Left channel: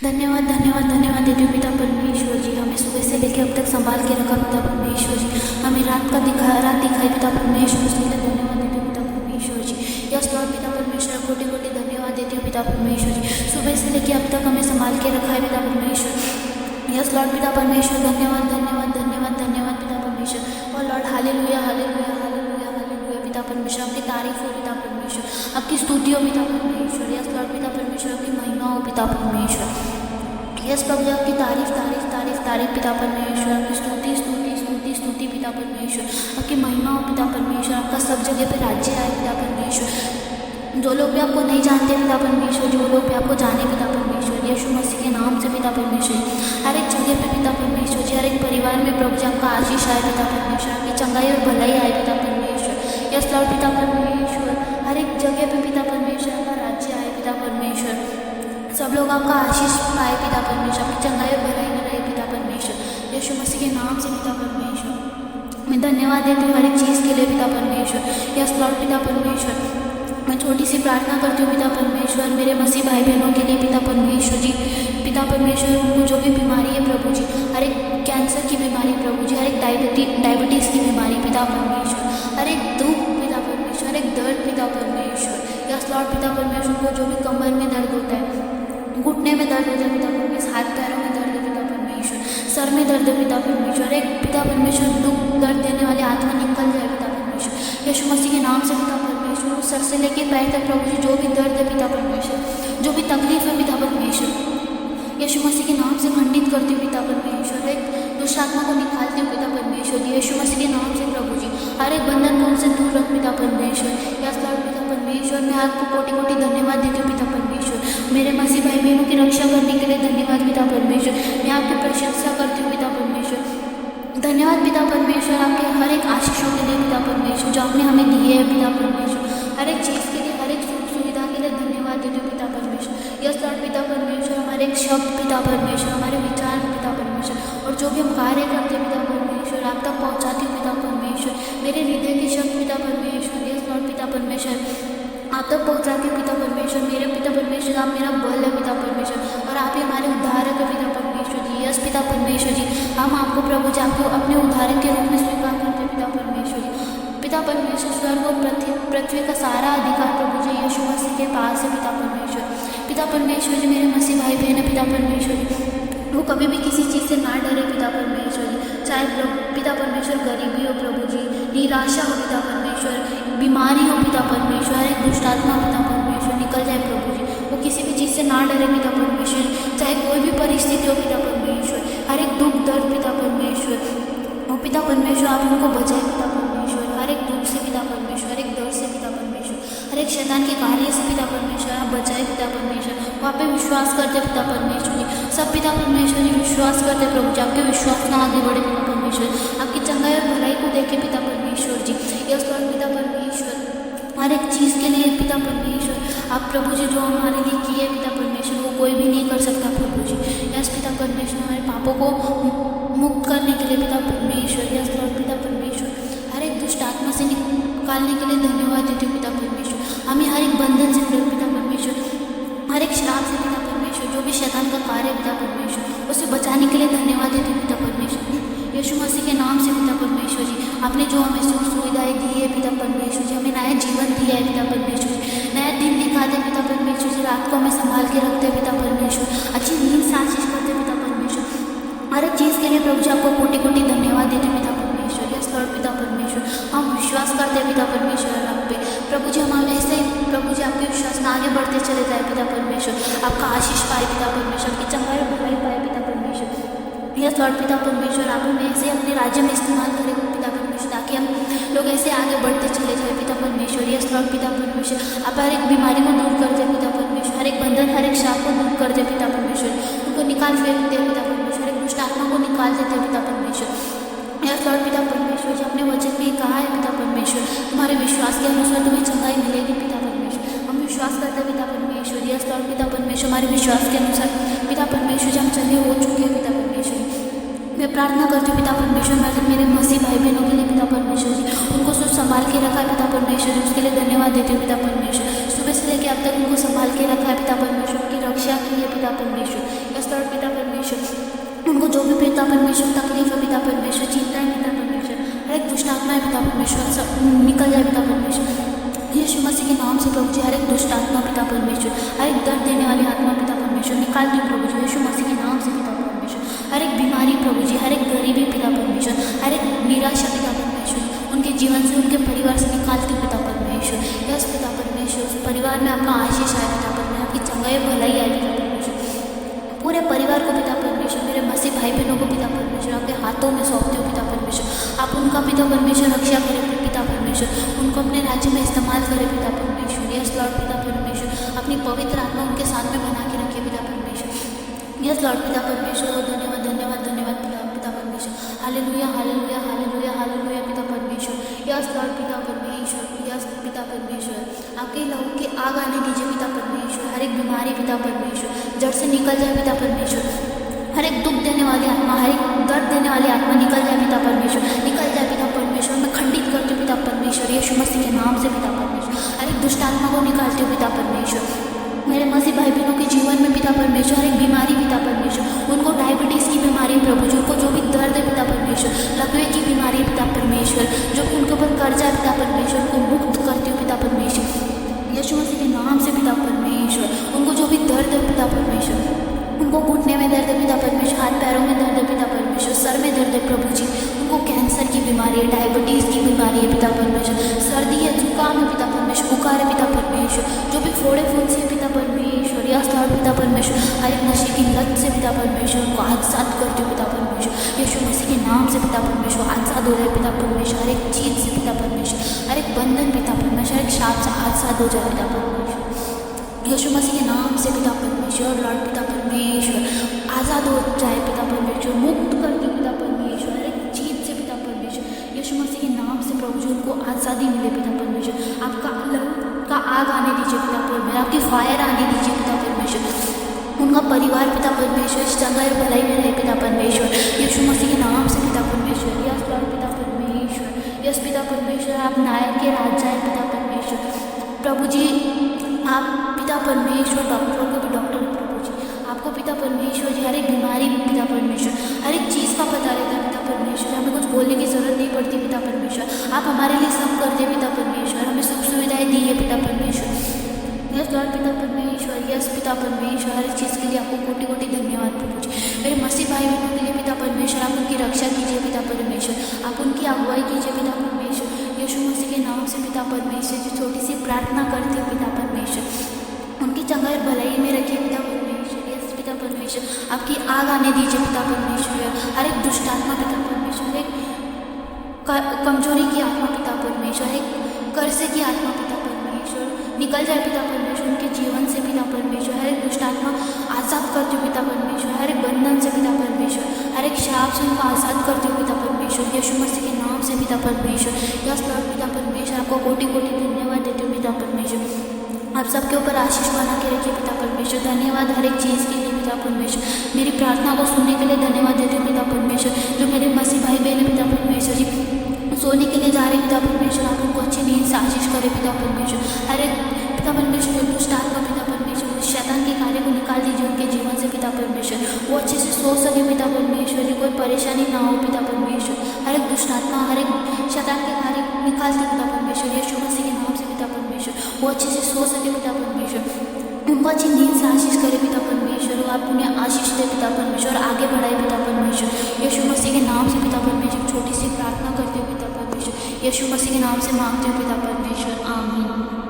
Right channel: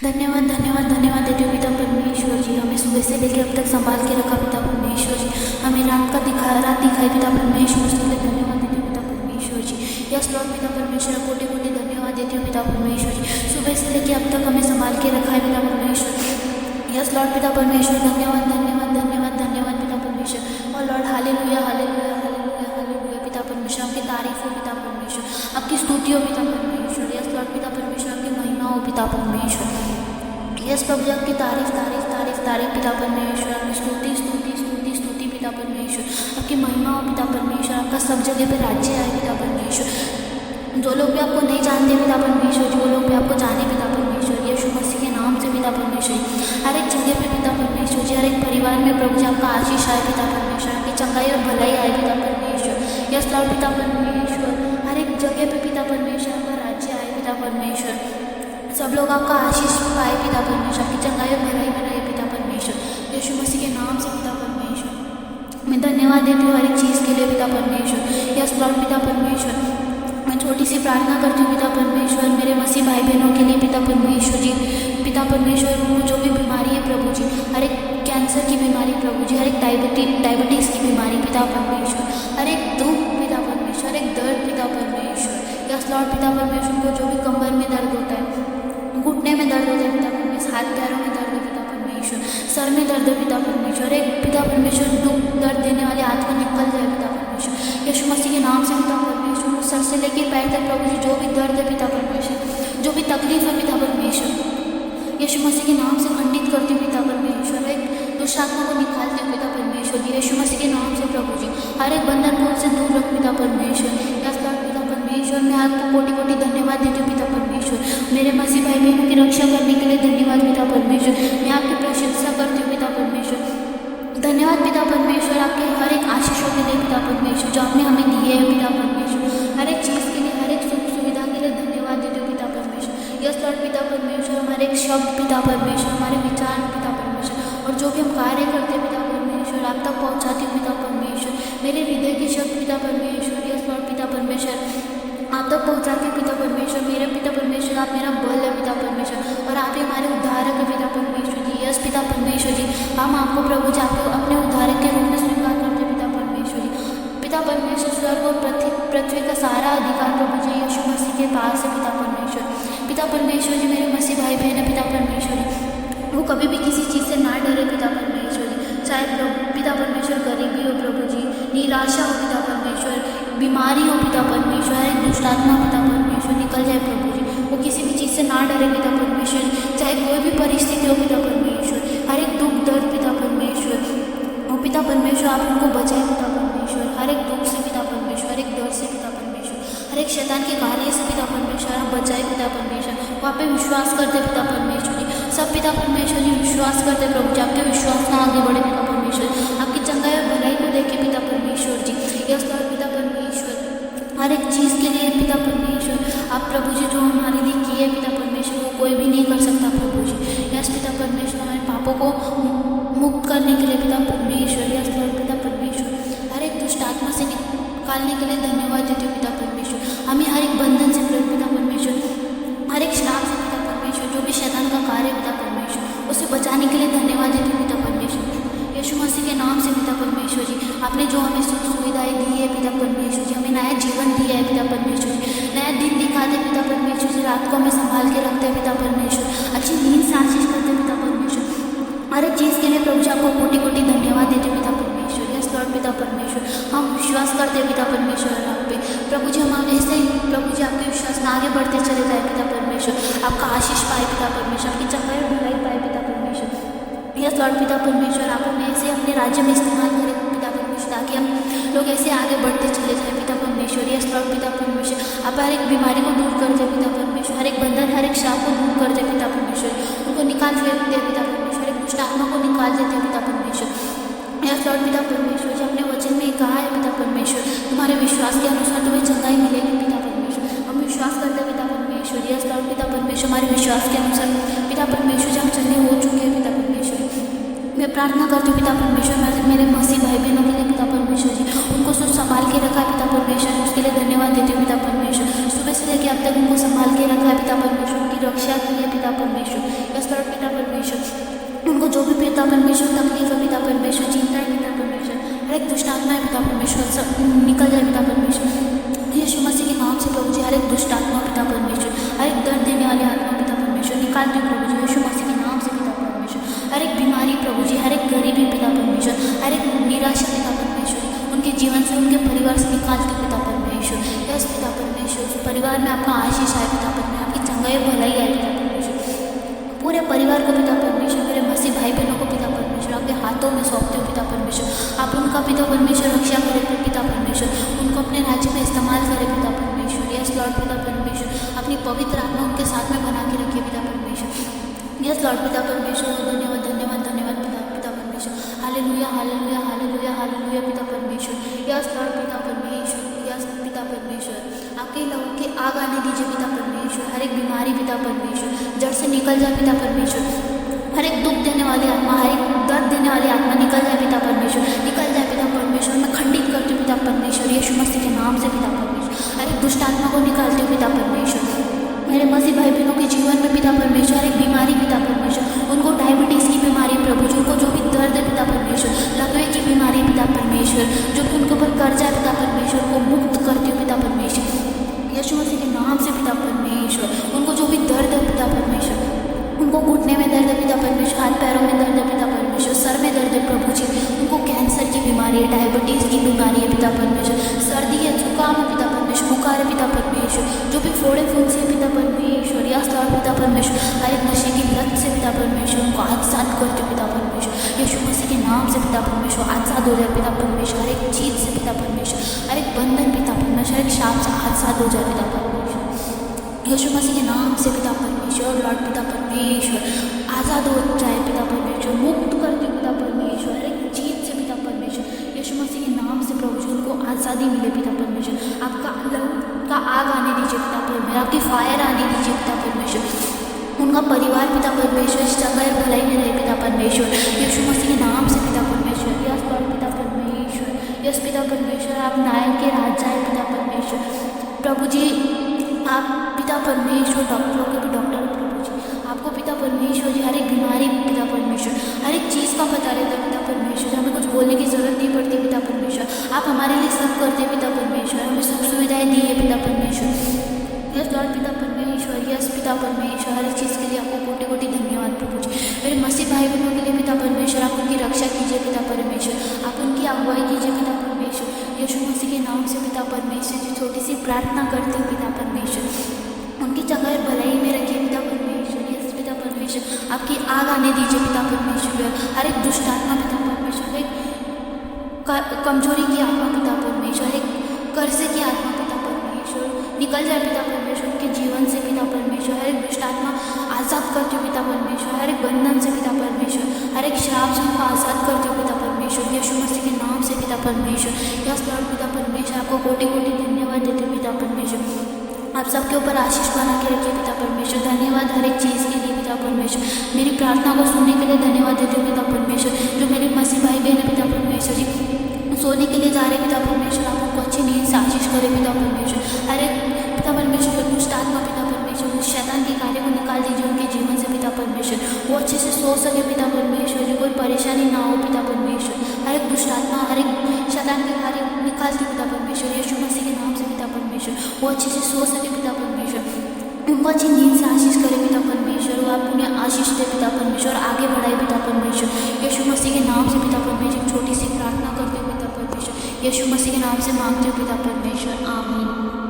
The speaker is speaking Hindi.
धन्यवाद धन्यवाद धन्यवाद देती हूँ पिता परमेश्वर जी। हमें सुबह से लेकर अब तक संभाल के रखा पिता परमेश्वर जी। हमें रात दिखाई पिता परमेश्वर, उसके लिए धन्यवाद देती हूँ पिता परमेश्वर जी। यस लॉर्ड पिता परमेश्वर, कोटि कोटि धन्यवाद देती हूँ पिता परमेश्वर जी। सुबह से लेकर अब तक हमें संभाल के रखा है पिता परमेश्वर। यस लॉर्ड पिता परमेश्वर, धन्यवाद धन्यवाद धन्यवाद धन्यवाद पिता परमेश्वर। और Lord hallelujah hallelujah hallelujah hallelujah पिता परमेश्वर, आपकी तारीफ हो पिता परमेश्वर, आपकी स्तुति हो पिता परमेश्वर। यस लॉर्ड पिता परमेश्वर, आपकी महिमा हो पिता परमेश्वर। यस प्रभु जी, आपकी तारीफ तारीफ तारीफ तारीफ पिता परमेश्वर, आपकी स्तुति स्तुति स्तुति स्तुति पिता परमेश्वर, आपकी महिमा हो पिता परमेश्वर। आपका सब जगह पे राज्य आए पिता परमेश्वर। जो लोग भी आपको नहीं जानते पिता परमेश्वर, जो लोग भी आपको जाने पिता परमेश्वर, यीशु मसीह के नाम से पिता परमेश्वर, हर एक जगह पे पिता परमेश्वर जी, हर एक परिवार में प्रभु जी आपका आशीष आए पिता परमेश्वर, आपकी चंगाई और भलाई आए पिता परमेश्वर। यस लॉर्ड पिता परमेश्वर, हर एक जगह पे पिता परमेश्वर आपका राज्य आए पिता परमेश्वर। सब लोग आपका आशीष पाए पिता परमेश्वर, आपकी चंगाई और भलाई में रहे पिता परमेश्वर, यीशु मसीह के नाम से पिता परमेश्वर। मैं धन्यवाद देती हूँ हर एक चीज़ के लिए पिता परमेश्वर। यस लॉर्ड पिता परमेश्वर, मैं छोटी सी प्रार्थना करती हूँ पिता परमेश्वर, मेरे मसीह भाई बहनों के लिए पिता परमेश्वर जी। पिता परमेश्वर, उनको जो भी बीमारी है प्रभु जी, हर एक कैंसर की बीमारी प्रभु जी, हर एक डायबिटीज़ की बीमारी पिता परमेश्वर, हर एक दुख पिता परमेश्वर, हर एक दर्द पिता परमेश्वर। यस लॉर्ड पिता परमेश्वर, उनको जो भी कमर में दर्द होता है, घुटने में दर्द होता है पिता परमेश्वर, हाथ पैरों में दर्द है पिता परमेश्वर, सर में दर्द है पिता परमेश्वर, एक पिता परमेश्वर दुख दर्द देने वाली आत्मा निकल जाए पिता परमेश्वर, यीशु मसीह के नाम से पिता परमेश्वर। उस सर से लेके पैर तक प्रभु जी जो भी दर्द है पिता परमेश्वर, जो भी तकलीफ है पिता परमेश्वर, यीशु मसीह के नाम से खंडित करती हूँ पिता परमेश्वर। एक दुष्ट आत्मा को निकालती हूँ पिता परमेश्वर जी, यीशु मसीह के नाम से प्रभु जी। हर एक बंधन को उनसे दूर रख पिता परमेश्वर। यस लॉर्ड पिता परमेश्वर, मैं आपको कोटि कोटि धन्यवाद देती हूँ पिता परमेश्वर। मेरे मसीह भाई बहनों की रक्षा करने के लिए धन्यवाद पिता परमेश्वर। मैं आपकी प्रशंसा करती हूँ पिता परमेश्वर। धन्यवाद पिता परमेश्वर, आपके हर एक आशीषों के लिए पिता परमेश्वर, जो आपने हमें दिए हैं पिता परमेश्वर। हर एक चीज़ के लिए, हर एक सुख सुविधा के लिए धन्यवाद देती हूँ पिता परमेश्वर। यस लॉर्ड पिता परमेश्वर, हमारे एक शब्द पिता परमेश्वर, हमारे विचार पिता परमेश्वर, और जो भी हम कार्य करते हैं पिता परमेश्वर, आप तक पहुँचाती हूँ पिता परमेश्वर। मेरे हृदय के शब्द पिता परमेश्वर, यस लॉर्ड पिता परमेश्वर, आप तक पहुँचाती हूँ पिता परमेश्वर। मेरे पिता परमेश्वर, आप मेरा बल है पिता परमेश्वर, और आप ही हमारे उद्धारक है पिता परमेश्वर जी। यस पिता परमेश्वर जी, हम आपको प्रभु जी आपको अपने उद्धारक के रूप में स्वीकार करते हैं पिता परमेश्वर जी। पिता परमेश्वर, स्वर्ग और पृथ्वी का सारा अधिकार प्रभु जी यीशु मसीह के पास है पिता परमेश्वर। पिता परमेश्वर जी, मेरे मसीह भाई बहन है पिता परमेश्वर जी, वो कभी भी किसी चीज़ से ना डरे पिता परमेश्वर जी। चाहे पिता परमेश्वर गरीबी हो प्रभु जी, निराशा हो पिता परमेश्वर, बीमारी हो पिता परमेश्वर, हर एक दुष्टात्मा पिता परमेश्वर निकल जाए प्रभु जी। वो किसी भी चीज़ से ना डरे पिता परमेश्वर, चाहे कोई भी परिस्थिति हो पिता परमेश्वर, हर एक दुख दर्द पिता परमेश्वर, वो पिता परमेश्वर आप उनको बचाए पिता परमेश्वर, हर एक दुख से पिता परमेश्वर, हर एक दर्द से पिता परमेश्वर, हर एक शैतान के कार्य से पिता परमेश्वर आप बचाए पिता परमेश्वर। वहाँ पे विश्वास करते पिता परमेश्वर जी, सब पिता परमेश्वर जी विश्वास करते प्रभु जी, आपके विश्वास में आगे बढ़े पिता परमेश्वर, आपकी चंगाई और भलाई को देखे पिता परमेश्वर जी। यस लॉर्ड पिता परमेश्वर, हर एक चीज़ के लिए पिता परमेश्वर, आप प्रभु जी जो हमारे लिए किए पिता परमेश्वर, वो कोई भी नहीं कर सकता प्रभु जी। यस पिता परमेश्वर, हमारे पापों को मुक्त करने के लिए पिता परमेश्वर, यस लॉर्ड पिता परमेश्वर, हर एक दुष्ट आत्मा से निकालने के लिए धन्यवाद देती हूँ पिता परमेश्वर। हमें हर एक बंधन से पिता परमेश्वर, हर एक श्राप से पिता परमेश्वर, जो भी शैतान का कार्य है पिता परमेश्वर, उसे बचाने के लिए धन्यवाद देती हूँ पिता परमेश्वर। यीशु मसीह के नाम से पिता परमेश्वर जी, आपने जो हमें सुख सुविधाएं दी है पिता परमेश्वर जी, हमें नया जीवन दिया है पिता परमेश्वर जी, नया दिन दिखाते पिता परमेश्वर जी, रात को हमें संभाल के रखते हैं पिता परमेश्वर, अच्छी नींद से आशीष करते पिता परमेश्वर। हर एक चीज़ के लिए प्रभु जी आपको कोटि कोटि धन्यवाद देते पिता परमेश्वर। यस लॉर्ड पिता परमेश्वर, हम विश्वास करते हैं पिता परमेश्वर आप पे प्रभु जी, हम ऐसे ही प्रभु जी आपके विश्वास में आगे बढ़ते चले जाए पिता परमेश्वर, आपका आशीष पाए पिता परमेश्वर, आपकी चंगाई और भलाई पाए पिता परमेश्वर। यस लॉर्ड पिता परमेश्वर, आप हमें ऐसे अपने राज्य में इस्तेमाल करें पिता परमेश्वर, ताकि हम लोग ऐसे आगे बढ़ते चले जाए पिता परमेश्वर। यस लॉर्ड पिता परमेश्वर, आप हर एक बीमारी को दूर कर दे पिता परमेश्वर, हर एक बंधन, हर एक श्राप को दूर कर दे पिता परमेश्वर, उनको निकाल फेंकते हैं पिता परमेश्वर, एक दुष्ट आत्मा को निकाल देते हैं पिता परमेश्वर। यस लॉर्ड पिता परमेश्वर जी, अपने वचन में कहा है पिता परमेश्वर, तुम्हारे विश्वास के अनुसार तुम्हें चंगाई मिलेगी पिता परमेश्वर। हम विश्वास करते हैं पिता परमेश्वर। यस लॉर्ड पिता परमेश्वर, हमारे विश्वास के अनुसार पिता परमेश्वर जी हम चंगे हो चुके हैं पिता परमेश्वर। मैं प्रार्थना करती हूँ पिता परमेश्वर, मेरे मसीह भाई बहनों के लिए पिता परमेश्वर जी, उनको सब संभाल के रखा है पिता परमेश्वर जी, उसके लिए धन्यवाद देती हूँ पिता परमेश्वर। सुबह से लेकर अब तक उनको संभाल के रखा है पिता परमेश्वर, उनकी रक्षा की है पिता परमेश्वर। यस लॉर्ड पिता परमेश्वर, उनको जो भी पिता परमेश्वर तकलीफ है पिता परमेश्वर, चिंता है पिता परमेश्वर, हर एक दुष्ट आत्मा है पिता परमेश्वर, सब निकल जाए पिता परमेश्वर। यीशु मसीह के नाम से प्रभु जी, हर एक दुष्ट आत्मा पिता परमेश्वर, हर एक दर्द देने वाली आत्मा पिता परमेश्वर निकालती हूँ प्रभु जी, यीशु मसीह के नाम से पिता परमेश्वर। हर एक बीमारी प्रभु जी, हर एक गरीबी पिता परमेश्वर, हर एक निराशा पिता परमेश्वर, उनके जीवन से, उनके परिवार से निकालती हूँ पिता परमेश्वर। यस पिता परमेश्वर, उस परिवार में आपका आशीष आए पिता परमेश्वर, आपकी चंगाई भलाई आए पिता परमेश्वर। पूरे परिवार को पिता परमेश्वर, मेरे मसीह भाई बहनों को पिता परमेश्वर आपके हाथों में सौंपते हो पिता परमेश्वर। आप उनका पिता परमेश्वर रक्षा करें पिता परमेश्वर, उनको अपने राज्य में इस्तेमाल करें पिता परमेश्वर। यस लॉर्ड पिता परमेश्वर, अपनी पवित्र आत्मा उनके साथ में बना के रखिए पिता परमेश्वर। यस लॉर्ड पिता परमेश्वर, धन्यवाद धन्यवाद धन्यवाद पिता परमेश्वर। हालेलुया हालेलुया हालेलुया हालेलुया पिता परमेश्वर। यस लॉर्ड पिता परमेश्वर, यस पिता परमेश्वर, आपके लहू की आग आने दीजिए पिता परमेश्वर। हर एक बीमारी पिता परमेश्वर जड़ से निकल जाए पिता परमेश्वर। हर एक दुख देने वाली आत्मा, हर एक दर्द देने वाली आत्मा निकल जाए पिता परमेश्वर, निकल जाए पिता परमेश्वर। मैं खंडित करती हूँ पिता परमेश्वर, यीशु मसीह के नाम से पिता परमेश्वर। हर एक दुष्ट आत्मा को निकालती हूँ पिता परमेश्वर। मेरे मसीह भाई बहनों के जीवन में पिता परमेश्वर, हर एक बीमारी पिता परमेश्वर, उनको डायबिटीज़ की बीमारी प्रभु जी, उनको जो भी दर्द है पिता परमेश्वर, लकवे की बीमारी पिता परमेश्वर, जो भी उनके ऊपर कर्जा है पिता परमेश्वर, उनको मुक्त करती हूँ पिता परमेश्वर। यीशु मसीह के नाम से पिता परमेश्वर, उनको जो भी दर्द है पिता परमेश्वर, उनको घुटने में दर्द है पिता परमेश्वर, हाथ पैरों में दर्द है पिता परमेश्वर, सर में दर्द है प्रभु जी, उनको कैंसर की बीमारी है, डायबिटीज़ की बीमारी है पिता परमेश्वर, सर्दी है, जुकाम है पिता परमेश्वर, बुखार है पिता परमेश्वर, जो भी फोड़े फुंसी है पिता परमेश्वर। यस लॉर्ड पिता परमेश्वर, हर एक नशे की लत से पिता परमेश्वर उनको आजाद करती हूँ पिता परमेश्वर। यीशु मसीह के नाम से पिता परमेश्वर आजाद हो जाए पिता परमेश्वर, हर एक चीज़ से पिता परमेश्वर, हर एक बंधन पिता परमेश्वर, हर एक शाप से आजाद हो जाए पिता परमेश्वर। यीशु मसीह के नाम से पिता परमेश्वर, लॉर्ड पिता परमेश्वर आज़ाद हो जाए पिता परमेश्वर, मुक्त कर दो पिता परमेश्वर, हर एक चीज़ से पिता परमेश्वर। यीशु मसीह के नाम से प्रभु जी उनको आज़ादी मिले पिता परमेश्वर। आपका लहू का आग आने दीजिए पिता परमेश्वर, आपकी फायर आने दीजिए पिता परमेश्वर। उनका परिवार पिता परमेश्वर चंगाई और भलाई में रहे पिता परमेश्वर, यीशु मसीह के नाम से पिता परमेश्वर। यस लॉर्ड पिता परमेश्वर, यस पिता परमेश्वर, आप नायक के राजा है पिता परमेश्वर। प्रभु जी आप पिता परमेश्वर डॉक्टरों के भी डॉक्टर हैं प्रभु जी, आपको पिता परमेश्वर जी हर एक बीमारी पिता परमेश्वर, हर एक चीज़ का पता रहता है पिता परमेश्वर। हमें कुछ बोलने की ज़रूरत नहीं पड़ती पिता परमेश्वर, आप हमारे लिए सब करते हैं पिता परमेश्वर, हमें सुख सुविधाएं दी है पिता परमेश्वर। यस लॉर्ड पिता परमेश्वर, यस पिता परमेश्वर, हर चीज़ के लिए आपको कोटि कोटि धन्यवाद प्रभु जी। मेरे मसीह भाई बहनों के लिए पिता परमेश्वर आप उनकी रक्षा कीजिए पिता परमेश्वर, आप उनकी अगुवाई कीजिए पिता परमेश्वर। यीशु मसीह के नाम से पिता परमेश्वर जो छोटी सी प्रार्थना करती हूँ पिता परमेश्वर, उनकी चंगाई और भलाई में रखिए पिता परमेश्वर। यस पिता परमेश्वर, आपकी आग आने दीजिए पिता परमेश्वर, हर एक दुष्ट आत्मा पिता परमेश्वर, हर एक कमजोरी की आत्मा पिता परमेश्वर, हर एक कर्जे की आत्मा पिता परमेश्वर निकल जाए पिता परमेश्वर उनके जीवन से पिता परमेश्वर। हर एक दुष्ट आत्मा आज़ाद करती हूँ पिता परमेश्वर, हर एक बंधन से पिता परमेश्वर, हर एक श्राप से उनको आज़ाद करती हूँ पिता परमेश्वर, यीशु मसीह के नाम से पिता परमेश्वर। यस लॉर्ड पिता परमेश्वर, आपको कोटि कोटि धन्यवाद देती हूँ पिता परमेश्वर। आप सबके ऊपर आशीष बना के रखिए पिता परमेश्वर। धन्यवाद हर एक चीज़ के लिए पिता परमेश्वर, मेरी प्रार्थना को सुनने के लिए धन्यवाद देती हूँ पिता परमेश्वर। जो मेरे मसीह भाई बहन है पिता परमेश्वर जी सोने के लिए जा रहे पिता परमेश्वर, आप उनको अच्छी नींद से आशीष करें पिता परमेश्वर। हर एक पिता परमेश्वर जो दुष्ट आत्मा पिता परमेश्वर शैतान के कार्य को निकाल दीजिए उनके जीवन से पिता परमेश्वर, वो अच्छे से सो सके पिता परमेश्वर जी, कोई परेशानी ना हो पिता परमेश्वर। हर एक दुष्ट आत्मा, हर एक शैतान के कार्य निकालती पिता परमेश्वर, यीशु मसीह के नाम से पिता परमेश्वर, वो अच्छे से सो सके पिता परमेश्वर, उनको अच्छी नींद से आशीष करे पिता परमेश्वर, वो आप उन्हें आशीष दे पिता परमेश्वर, आगे बढ़ाए पिता परमेश्वर। यीशु मसीह के नाम से पिता परमेश्वर छोटी सी प्रार्थना करते हो पिता परमेश्वर, यीशु मसीह के नाम से मांगते हो पिता परमेश्वर, आमीन।